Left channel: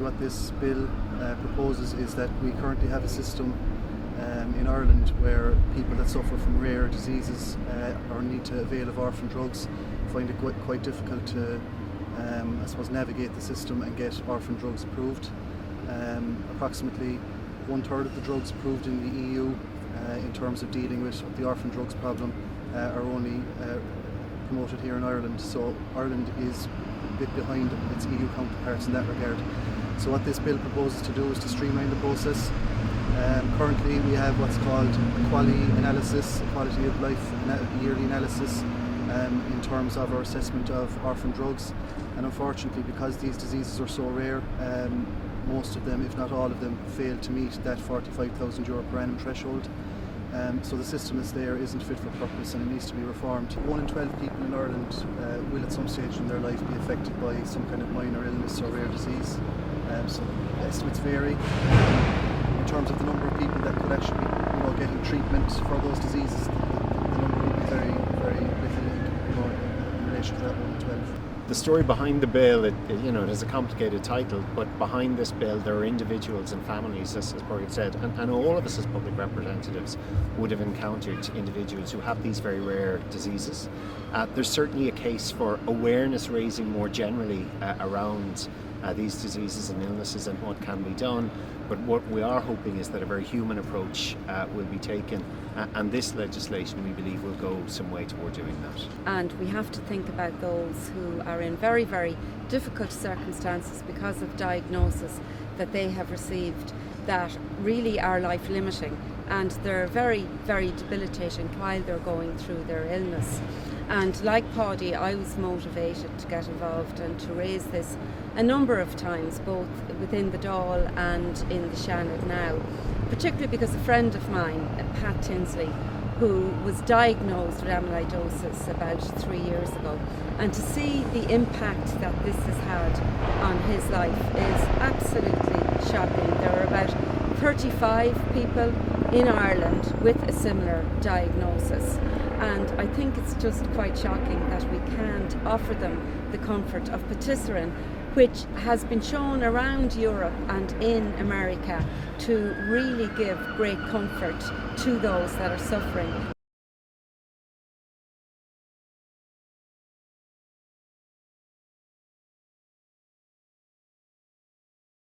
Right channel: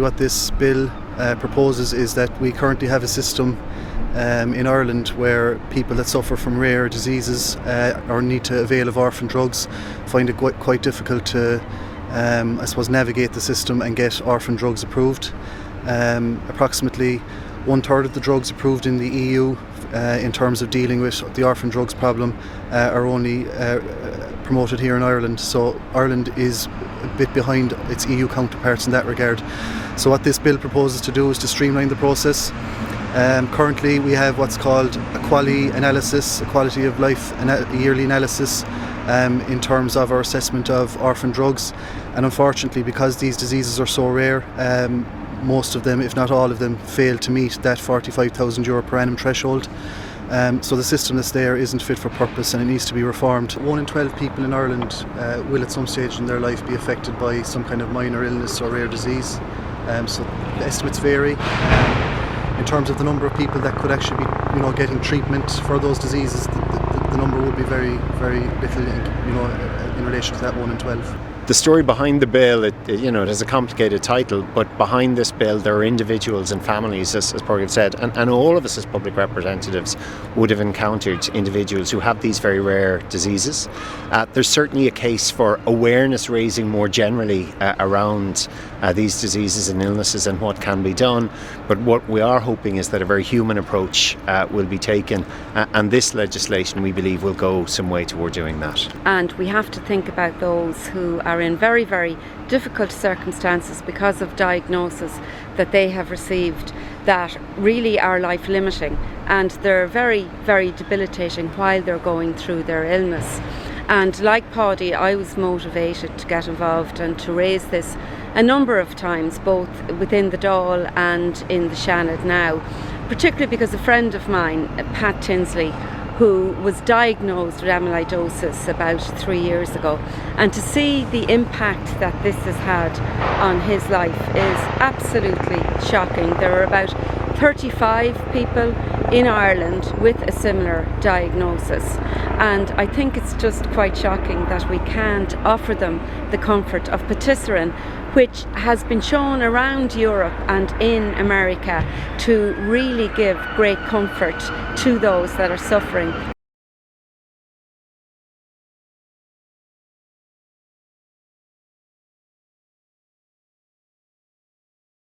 What this bill proposes is that we currently have a system in Ireland where people that suffer from rare diseases or need to avail of orphan drugs find it quite difficult to navigate the system and get orphan drugs approved. Approximately 1/3 of the drugs approved in the EU in terms of dealing with the orphan drugs problem are only promoted here in Ireland, so Ireland is a bit behind its EU counterparts in that regard. So what this bill proposes to do is to streamline the process. Currently we have what's called a quality analysis, a quality of life yearly analysis in terms of our assessment of orphan drugs, and unfortunately because these diseases are so rare, most of them, if not all of them, fail to meet that €45,000 per annum threshold. So the system that's there isn't fit for purpose and it needs to be reformed. 1 in 12 people in Ireland will at some stage in their life be affected by some kind of minor illness or rare disease. So the estimates vary. In terms of the number of people that could actually be getting treatment for those diseases, the number would be very, very little in relation to that 1 in 12. The story behind the bill, it has a complicated title, but behind this bill there are individuals and families, as Pádraig said, and all of us as public representatives would have encountered individuals who have these very rare diseases. There's certainly a case for awareness raising more generally around these diseases and illnesses and what can be done, but what we are hoping is that a very human approach will be taken, and this legislation, we believe, will go some way toward doing that. And we have to think about those who are in very, very difficult circumstances because of diagnosis that they have received that really are life limiting, and they're very, very debilitating while they're going through their illness. And like Paddy, I was motivated to get involved and to raise this a number of times, both within the Dáil and in the Seanad now, particularly because a friend of mine, Pat Tinsley, who was diagnosed with amyloidosis about 3 years ago, and to see the impact that this has had on his life is absolutely shocking. There are about 35 people in Ireland with a similar diagnosis, and I think it's just quite shocking that we can't offer them the comfort of patisiran, which has been shown around Europe and in America to really give great comfort to those that are suffering